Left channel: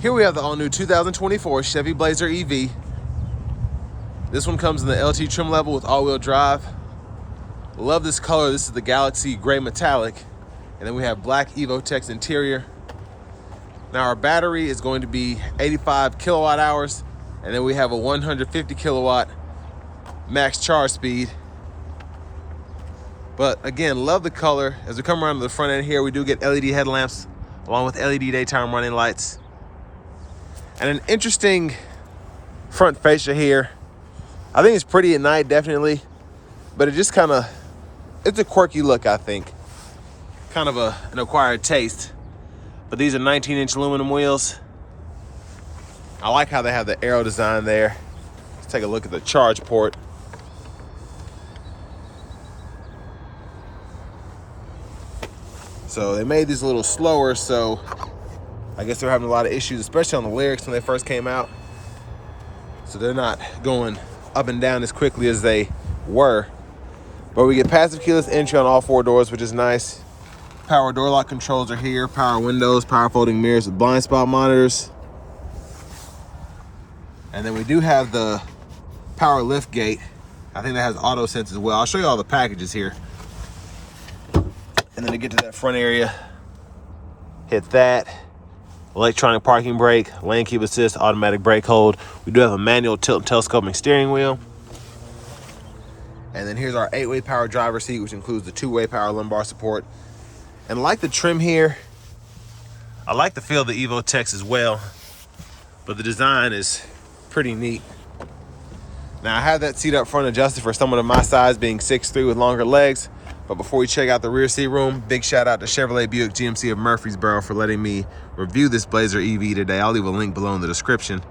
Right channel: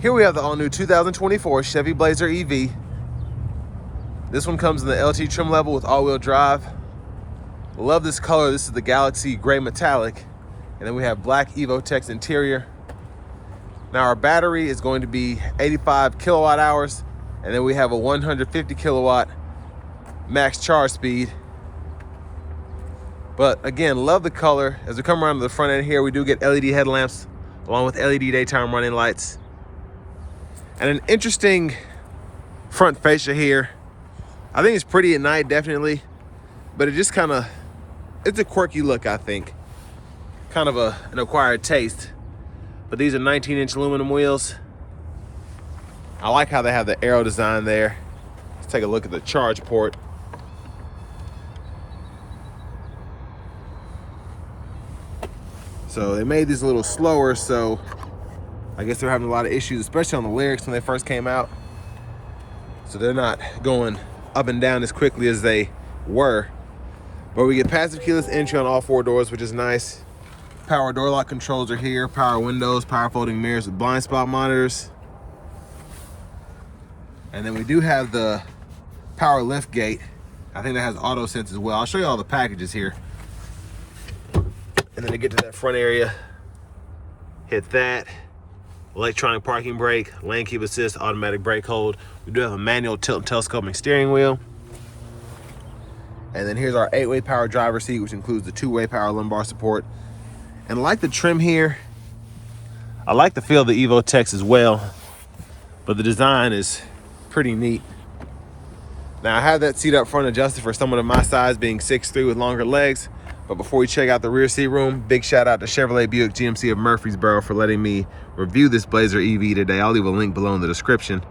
Here we have the all-new 2024 Chevy Blazer EV. This one comes in the LT trim level with all-wheel drive. Love this color. This is the Galaxy Gray Metallic. And then we have black Evotex interior. Now our battery is going to be 85 kilowatt hours. And then we have a 150 kilowatt max charge speed. But again, love the color. As we come around to the front end here, we do get LED headlamps along with LED daytime running lights. And an interesting front fascia here. I think it's pretty at night, definitely. But it just kind of, it's a quirky look, I think. Kind of an acquired taste. But these are 19-inch aluminum wheels. I like how they have the arrow design there. Let's take a look at the charge port. So they made these a little slower, so I guess they're having a lot of issues, especially on the lyrics when they first came out. So they're not going up and down as quickly as they were. But we get passive keyless entry on all four doors, which is nice. Power door lock controls are here, power windows, power folding mirrors with blind spot monitors. And then we do have the power lift gate. I think that has auto sense as well. I'll show you all the packages here. And then to get to that front area, hit that. Electronic parking brake, lane keep assist, automatic brake hold. We do have a manual tilt and telescoping steering wheel. And then here's our 8-way power driver seat, which includes the 2-way power lumbar support. And like the trim here, I like the feel of the Evotex as well, but the design is pretty neat. Now I have that seat up front adjusted for someone of my size, being 6'3" with longer legs. But before we check out the rear seat room, big shout out to Chevrolet Buick GMC of Murfreesboro for letting me review this Blazer EV today. I'll leave a link below in the description.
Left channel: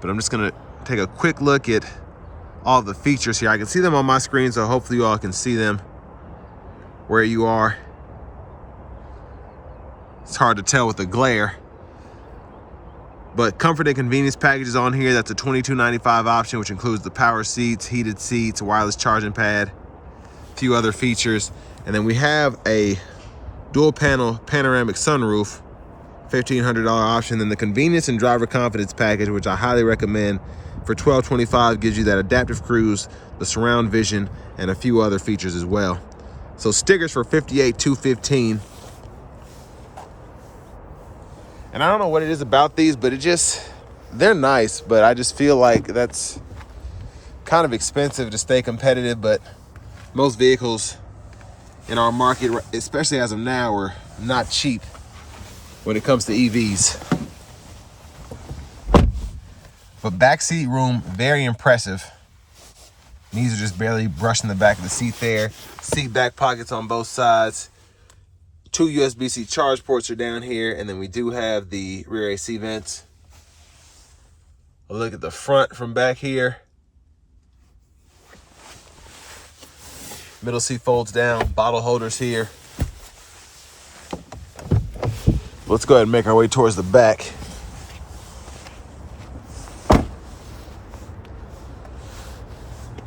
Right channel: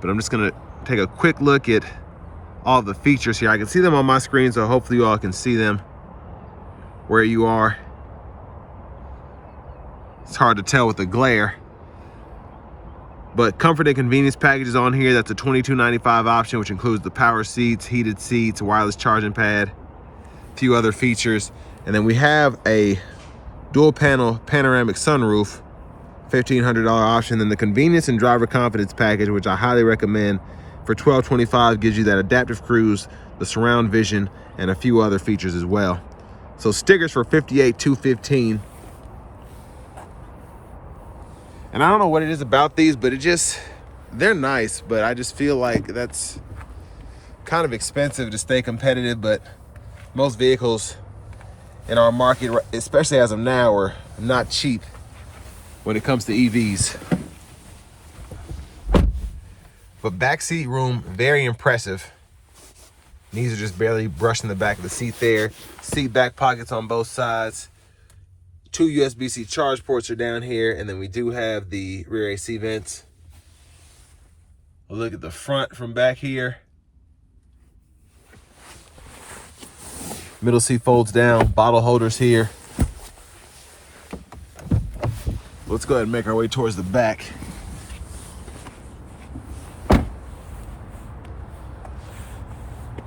But I'm just gonna take a quick look at all the features here. I can see them on my screen, so hopefully you all can see them where you are. It's hard to tell with the glare. But comfort and convenience packages on here. That's a $22.95 option, which includes the power seats, heated seats, wireless charging pad, few other features. And then we have a dual panel panoramic sunroof, $1,500 option. Then the convenience and driver confidence package, which I highly recommend, for $1,225, gives you that adaptive cruise, the surround vision, and a few other features as well. So stickers for $58,215. And I don't know what it is about these, but they're nice, but I just feel like that's kind of expensive to stay competitive. But most vehicles in our market, especially as of now, are not cheap when it comes to EVs. But backseat room, very impressive. These are just barely brushing the back of the seat there. Seat back pockets on both sides. 2 USB-C charge ports are down here, and then we do have the rear AC vents. A look at the front from back here. Middle seat folds down, bottle holders here. Let's go ahead and make our way towards the back.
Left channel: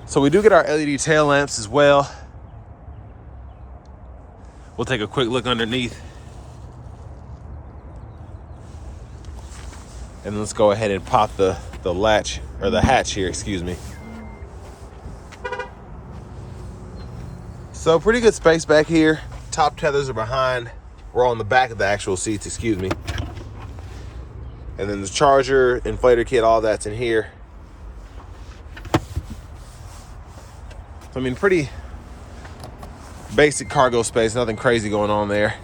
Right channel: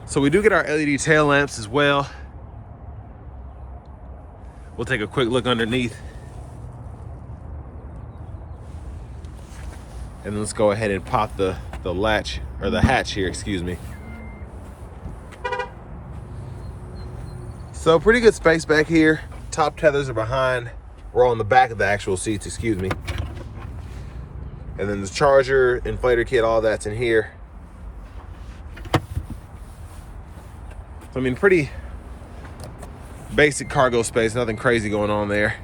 So we do get our LED tail lamps as well. We'll take a quick look underneath. And let's go ahead and pop the latch, or the hatch here, excuse me. So pretty good space back here. Top tethers are behind. We're on the back of the actual seats, excuse me. And then the charger, inflator kit, all that's in here. So, I mean, pretty basic cargo space, nothing crazy going on there.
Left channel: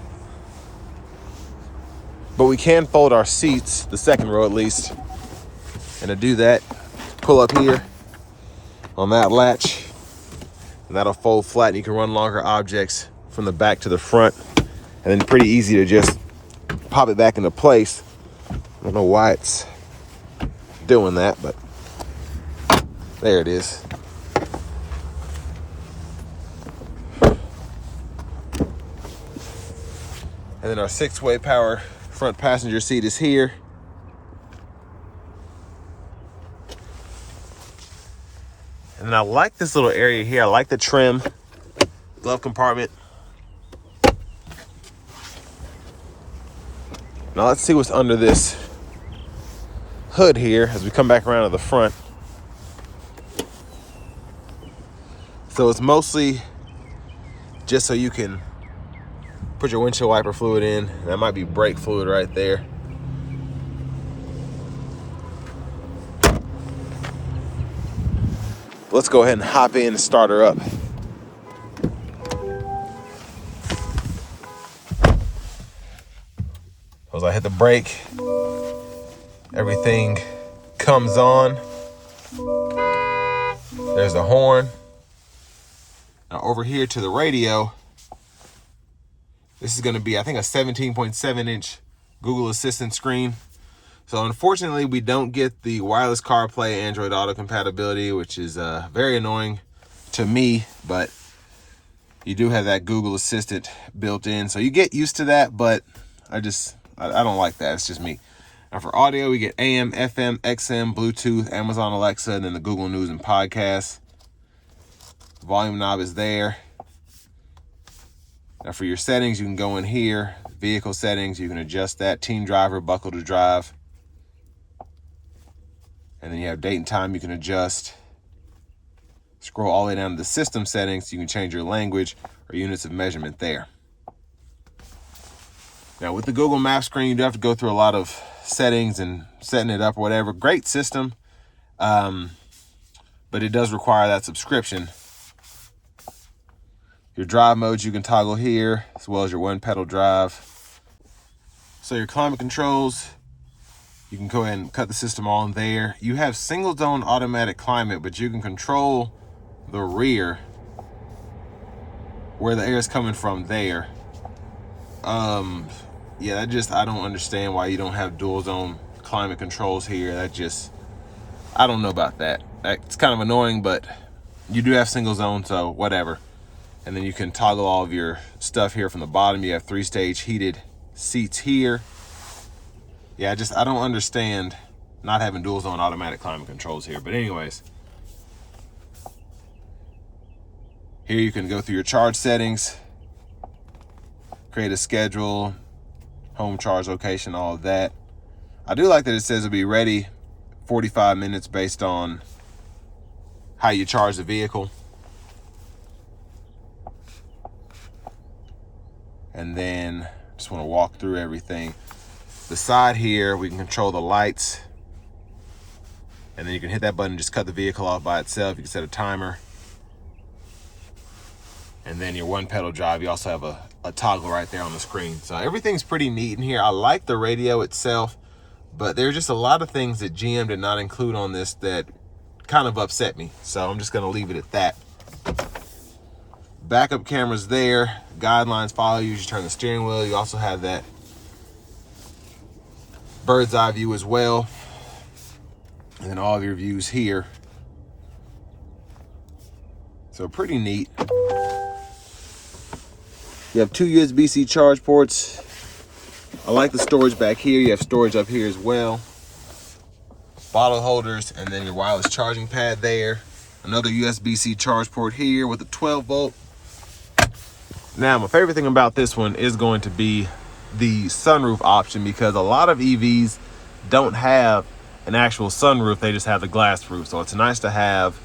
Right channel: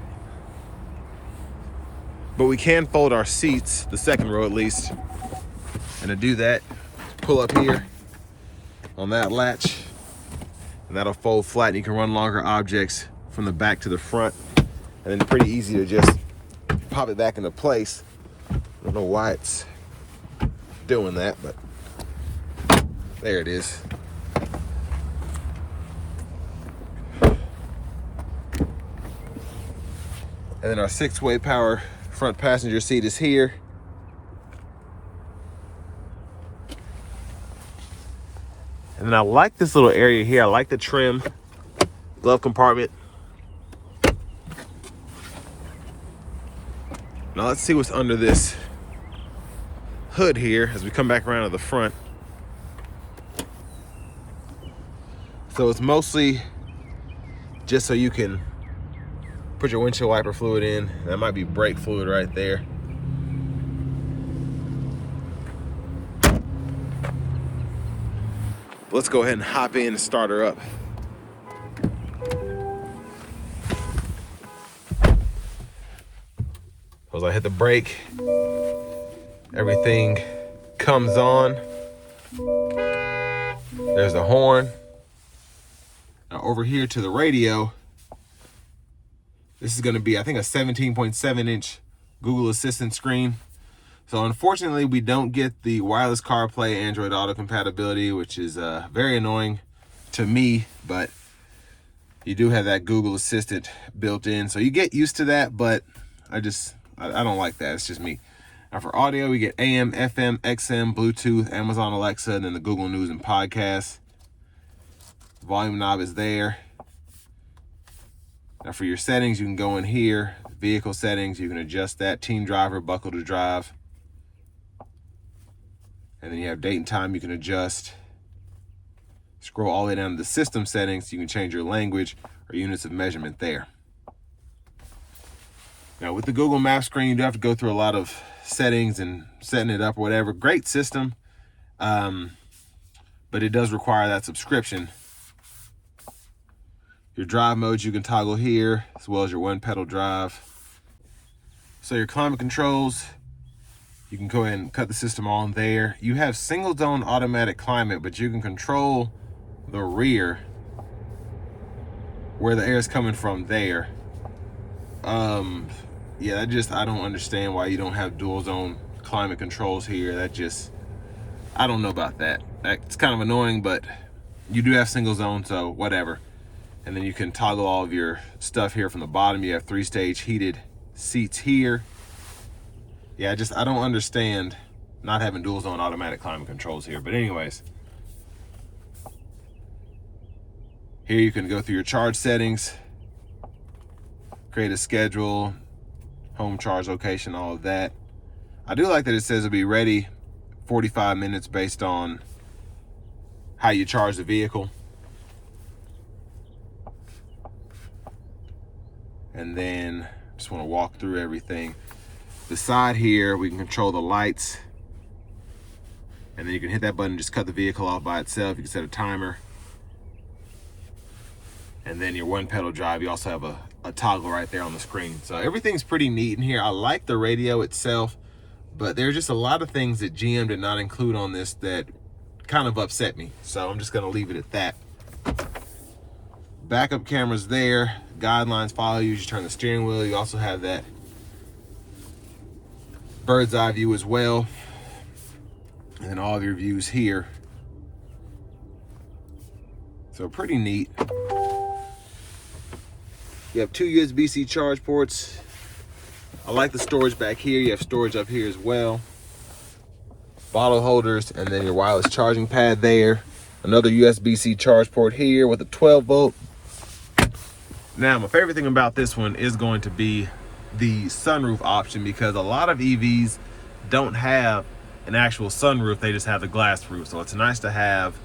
But we can fold our seats, the second row at least. And to do that, pull up here on that latch, and that'll fold flat, and you can run longer objects from the back to the front. And then pretty easy to just pop it back into place. I don't know why it's doing that, but there it is. And then our 6-way power front passenger seat is here. And then I like this little area here. I like the trim, glove compartment. Now let's see what's under this hood here as we come back around to the front. So it's mostly just so you can put your windshield wiper fluid in. That might be brake fluid right there. Let's go ahead and hop in and start her up. As I hit the brake, everything comes on. There's the horn. Now over here to the radio, this is gonna be, I think, a 17.7-inch Google Assistant screen. So unfortunately, we don't get the wireless CarPlay Android Auto compatibility, which is very annoying to me, but you do have that Google Assistant built in. So you get used to that, but I don't like that. It's just me. Now for audio, we get AM, FM, XM, Bluetooth, Amazon Alexa, and then the Google News and Podcasts. Volume knob is there. Now for your settings, you can go in here. Vehicle settings, you can adjust that. Teen driver, buckle to drive. And then you have date and time you can adjust. Scroll all the way down to the system settings. You can change your language or units of measurement there. Now with the Google Maps screen, you do have to go through a lot of settings and setting it up or whatever. Great system, but it does require that subscription. Your drive modes you can toggle here, as well as your one pedal drive. So your climate controls, you can go ahead and cut the system on there. You have single zone automatic climate, but you can control the rear where the air is coming from there. Yeah, I don't understand why you don't have dual zone climate controls here. I don't know about that. It's kind of annoying, but you do have single zone, so whatever. And then you can toggle all of your stuff here from the bottom. You have 3-stage heated seats here. Yeah, I don't understand not having dual zone automatic climate controls here. But anyways, here you can go through your charge settings, create a schedule, home charge location, all of that. I do like that it says it'll be ready 45 minutes based on how you charge the vehicle. And then just want to walk through everything. The side here, we can control the lights. And then you can hit that button, just cut the vehicle off by itself. You can set a timer. And then your one pedal drive, you also have a toggle right there on the screen. So everything's pretty neat in here. I like the radio itself, but there's just a lot of things that GM did not include on this that kind of upset me. So I'm just gonna leave it at that. Backup cameras there, guidelines follow you as you turn the steering wheel. You also have that bird's eye view as well. And then all of your views here. So pretty neat. You have 2 USB-C charge ports. I like the storage back here. You have storage up here as well. Bottle holders, and then your wireless charging pad there. Another USB-C charge port here with a 12 volt. Now, my favorite thing about this one is going to be the sunroof option, because a lot of EVs don't have an actual sunroof. They just have the glass roof. So it's nice to have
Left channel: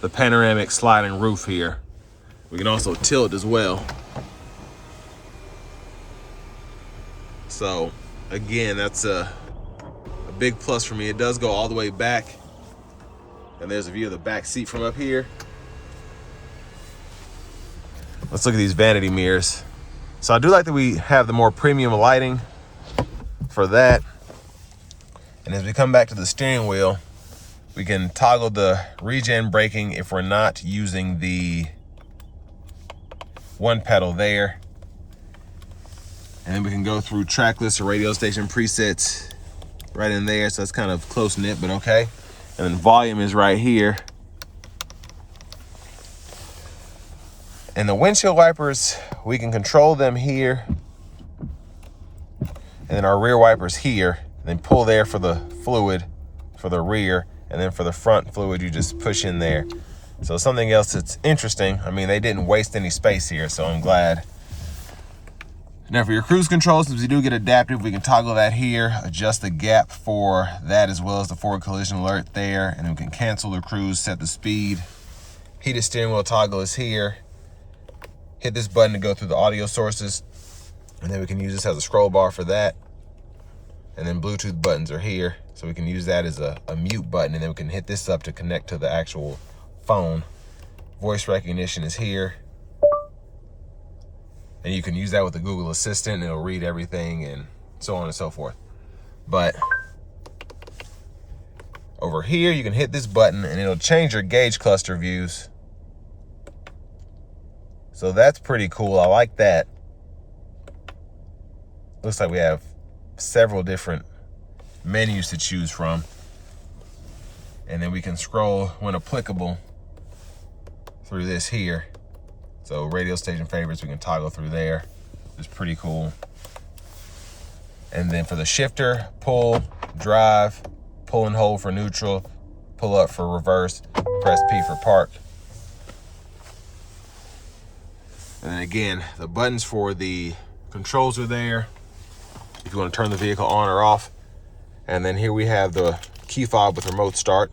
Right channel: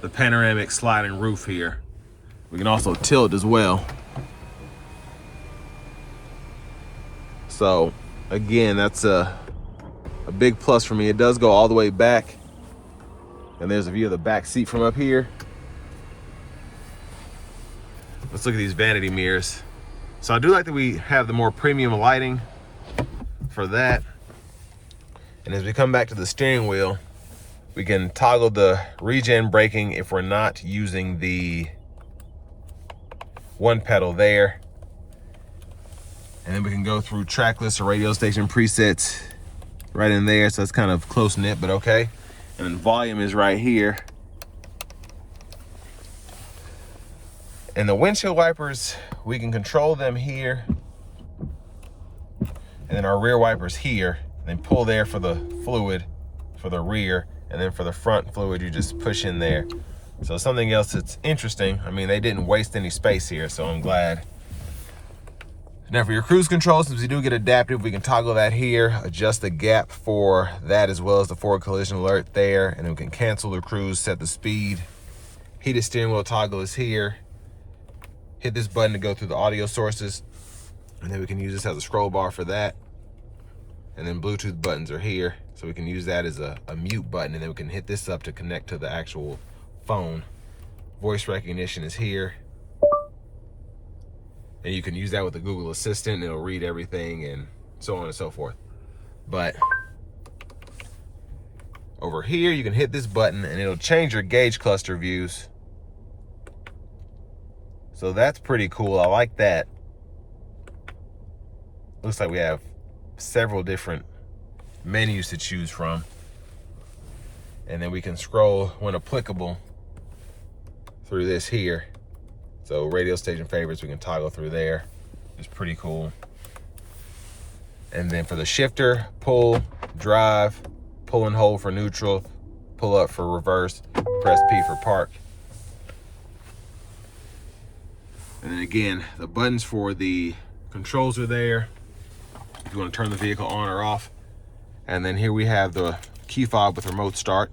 the panoramic sliding roof here. We can also tilt as well. So again, that's a big plus for me. It does go all the way back. And there's a view of the back seat from up here. Let's look at these vanity mirrors. So I do like that we have the more premium lighting for that. And as we come back to the steering wheel, we can toggle the regen braking if we're not using the one pedal there. And then we can go through track list or radio station presets right in there. So it's kind of close knit, but okay. And then volume is right here. And the windshield wipers, we can control them here. And then our rear wipers here. Then pull there for the fluid for the rear. And then for the front fluid, you just push in there. So something else that's interesting, I mean, they didn't waste any space here, so I'm glad Now for your cruise control, since we do get adaptive, we can toggle that here, adjust the gap for that as well as the forward collision alert there, and then we can cancel the cruise, set the speed. Heated steering wheel toggle is here. Hit this button to go through the audio sources, and then we can use this as a scroll bar for that. And then Bluetooth buttons are here, so we can use that as a mute button, and then we can hit this up to connect to the actual phone. Voice recognition is here. And you can use that with the Google Assistant, and it'll read everything and so on and so forth. But over here, you can hit this button and it'll change your gauge cluster views. So that's pretty cool. I like that. Looks like we have several different menus to choose from. And then we can scroll, when applicable, through this here. So radio station favorites, we can toggle through there. It's pretty cool. And then for the shifter, pull, drive, pull and hold for neutral, pull up for reverse, press P for park. And then again, the buttons for the controls are there, if you want to turn the vehicle on or off. And then here we have the key fob with remote start.